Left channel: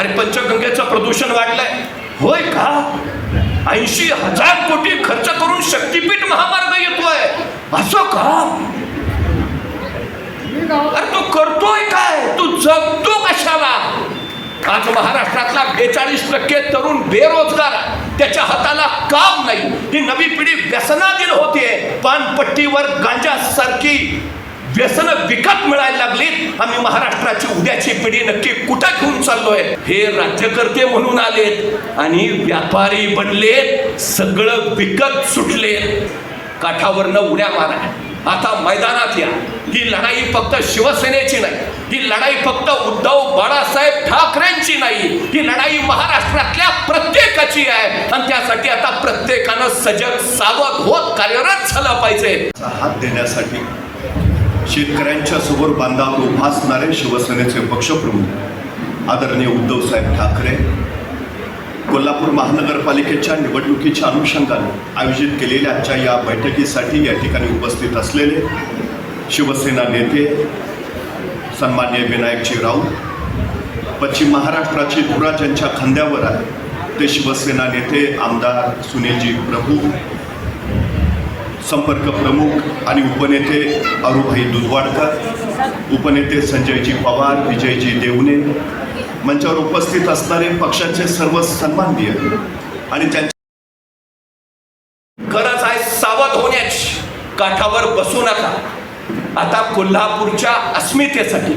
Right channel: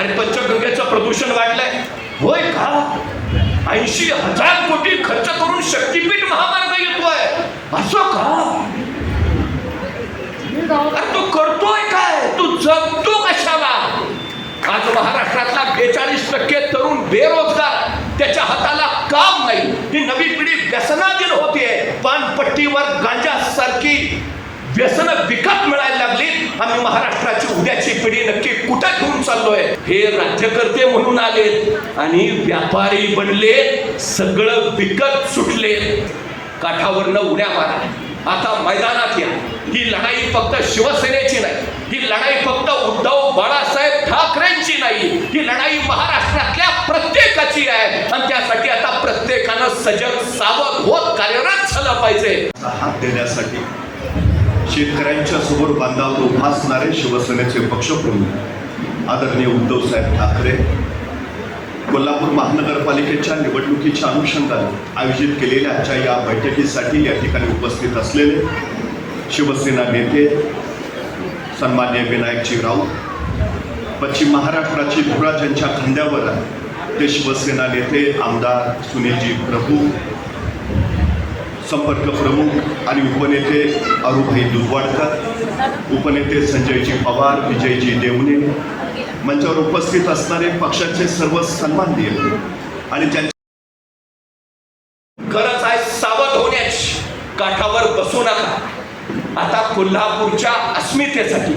अरे पंचगंगेचं प्रदूषण वाढलंय. होय का? ऐंशी हजार कोटी खर्च करून शक्तीपीठ महामार्ग येतोय. असं का? अरे तू करतोय काय? तू जगतो कशाला? आज महाराष्ट्रातला बेचाळीस टक्के तरुण बेरोजगार. त्याच्या हाताला काम नाही. ही नवी पिढी व्यसनाधीन होतीये. पानपट्टीवर गांजासारखी व्यसन विकत मिळायला लागली. आम्ही महाराष्ट्राची उद्याची पिढी नक्की कुठं घेऊन चाललोय? हे राज्यकर्ते म्हणून आलेत आणि व्यापारी बनले सगळं विकत सुटले काठावरनं उड्या मारा आता मैदानात या. ही लढाई फक्त शिवसेनेची नाही. ही लढाई फक्त उद्धव बाळासाहेब ठाकरेंची नाही. ही लढाई महाराष्ट्रातल्या प्रत्येकाची आहे. आणि त्यासाठी आता प्रत्येकानं सजग सावध होत कार्यरत झाला पाहिजे. हात देण्यासाठी शेतकऱ्यांच्या समोर बांधावर उभा असणारे शिवसेनेचे पक्षप्रमुख आदरणीय उद्धव साहेब ठाकरे कोल्हापूर महानगरपालिकेच्या निवडणुकीच्या अनुषंगाने आयोजित केलेल्या आजच्या या बैठकीसाठी या ठिकाणी उपस्थित असलेले शिवसेना नेते सन्मान्य विनायकजी राऊत पश्चिम महाराष्ट्राची धुरा ज्यांच्या खांद्यावर आहे ते शिवसेना नेते आमदार सुनीलजी प्रभू संपर्क प्रमुख आणि उपनेते अरुभाई दुर्वाडकर उपनेते संजयजी पवार विजयजी देवणे मंचावर उपस्थित असणारे पक्षाचे सर्व सन्माननीय आणि त्यांच्या गरज आहे सावध होण्याची. काठावर बसू नका. आता कोल्हापूरच्या अस्मितेसाठी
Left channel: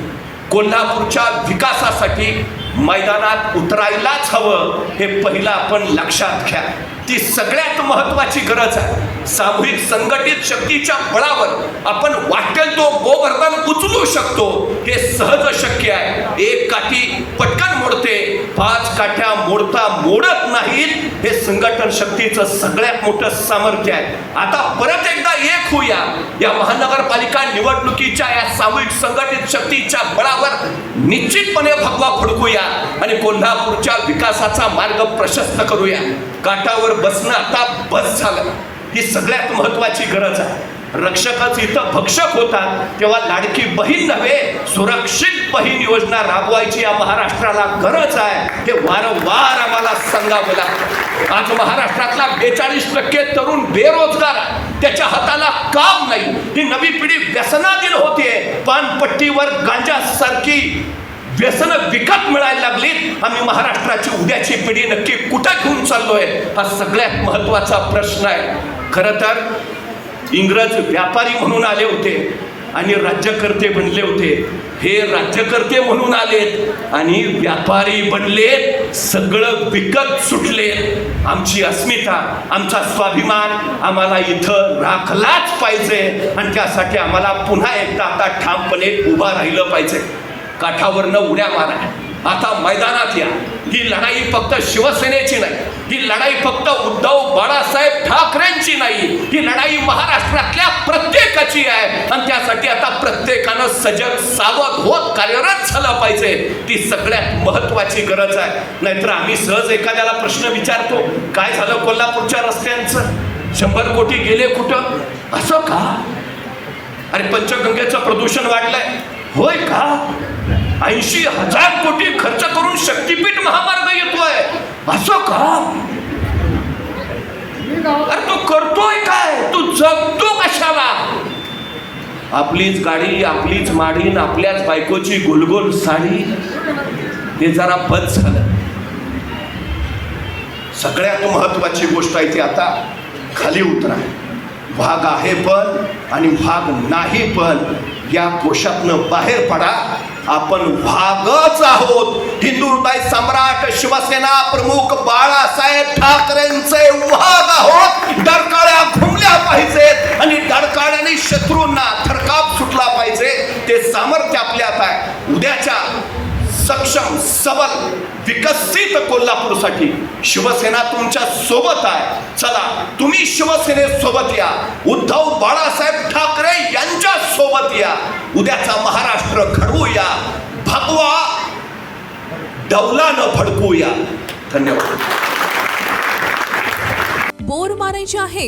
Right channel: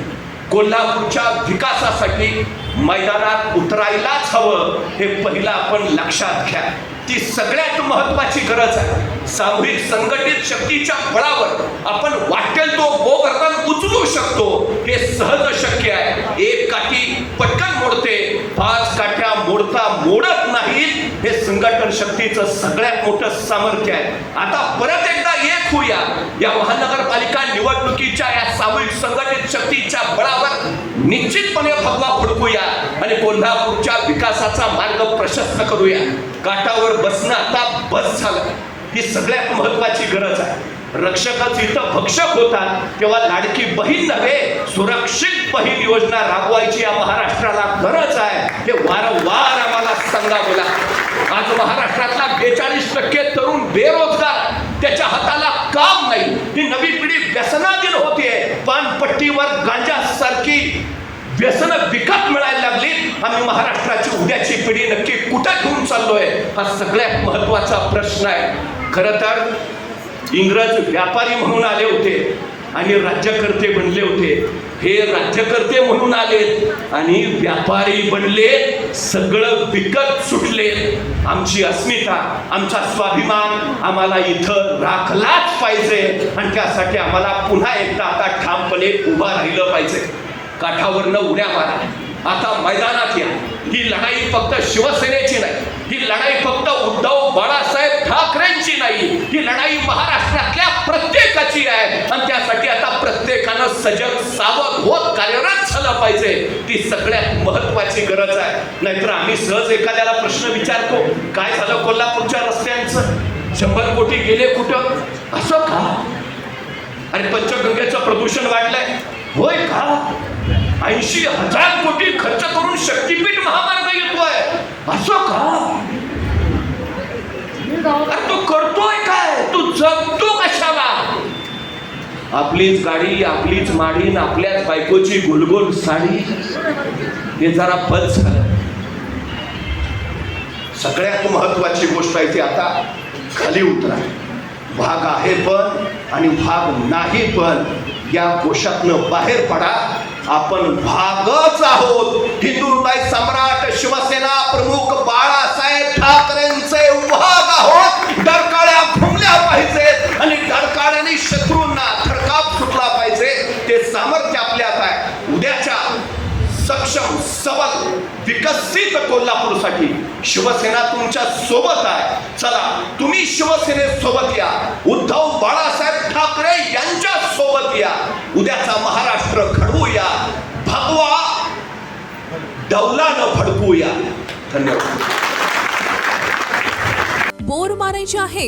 कोल्हापूरच्या विकासासाठी मैदानात उतरायलाच हवं हे पहिलं आपण लक्षात घ्या. ती सगळ्यात महत्वाची गरज आहे. सामूहिक संघटित शक्तीच्या बळावर आपण वाटेल तो गोवर्धन उचलू शकतो. हे सहज शक्य आहे. एक काठी पटकन मोडते पाच काठ्या मोडता मोडत नाहीत. हे संघटन शक्तीचं सगळ्यात मोठं सामर्थ्य आहे. आता परत एकदा एक होऊया. या महानगरपालिका निवडणुकीच्या या सामूहिक संघटित शक्तीच्या बळावर निश्चितपणे भगवा फडकूया आणि कोल्हापूरच्या विकासाचा मार्ग प्रशस्त करूया. काटावर बसणं आता बस झालं. ही सगळ्यात महत्वाची गरज आहे. रक्षकच इथं भक्षक होता तेव्हा लाडकी बहीण नव्हे सुरक्षित बहीण योजना राबवायची या महाराष्ट्राला गरज आहे. हे वारंवार आम्हाला सांगावं लागतं. आज महाराष्ट्रातला बेचाळीस टक्के तरुण बेरोजगार त्याच्या हाताला काम नाही. ही नवी पिढी व्यसनाधीन होतीये. पानपट्टीवर गांजासारखी व्यसन विकत मिळायला लागली. आम्ही महाराष्ट्राची उद्याची पिढी नक्की कुठे घेऊन चाललोय? हा सगळ्यात महत्त्वाचा प्रश्न आहे. खरं तर इंग्रज व्यापारी म्हणून आले होते आणि राज्यकर्ते बनले होते. हे राज्यकर्ते म्हणून आलेत आणि व्यापारी बनले सगळं विकत सुटले आमची अस्मिता आमचा स्वाभिमान आम्हाला इथं राखलाच पाहिजे आणि त्यासाठी आम्हाला पुन्हा एकदा आता ठामपणे उभा राहिलं पाहिजे. काठावरनं उड्या मारा. आता मैदानात या. ही लढाई फक्त शिवसेनेची नाही. ही लढाई फक्त उद्धव बाळासाहेब ठाकरेंची नाही. ही लढाई महाराष्ट्रातल्या प्रत्येकाची आहे. आणि त्या सजग सावध होत कार्यरत झाला पाहिजे. ती सगळ्यात महत्वाची गरज आहे. नाहीतर आम्ही सहज एखाद्याला प्रश्न विचारतो काय झालं कोल्हापूरच्या रस्त्यांचं? शंभर कोटी गेले कुठं? असं का? अरे पंचगंगेचं प्रदूषण वाढलंय. होय का? ऐंशी हजार कोटी खर्च करून शक्तीपीठ महामार्ग येतोय. असं का अरे तू करतोय काय तू जगतो कशाला आपलीच गाडी आपलीच माडीन आपल्याच बायकोची गोलगोल साडी. हे जरा बद झालं. सगळ्यात महत्वाची गोष्ट आहे ती आता खाली उतरा भाग आहे पण आणि भाग नाही पण या कोशातनं बाहेर पडा. आपण भागच आहोत. हिंदुताई सम्राट शिवसेना प्रमुख बाळासाहेब ठाकरेंचे सक्षम सबल विकसित कोल्हापूरसाठी शिवसेना तुमच्यासोबत आहे. चला तुम्ही शिवसेनेत सोबत या. उद्धव बाळासाहेब ठाकरे यांच्या सोबत या. उद्याचा महाराष्ट्र घडवूया. भगवा डौलानं फडकूया धन्यवाद. बोर मारायचे आहे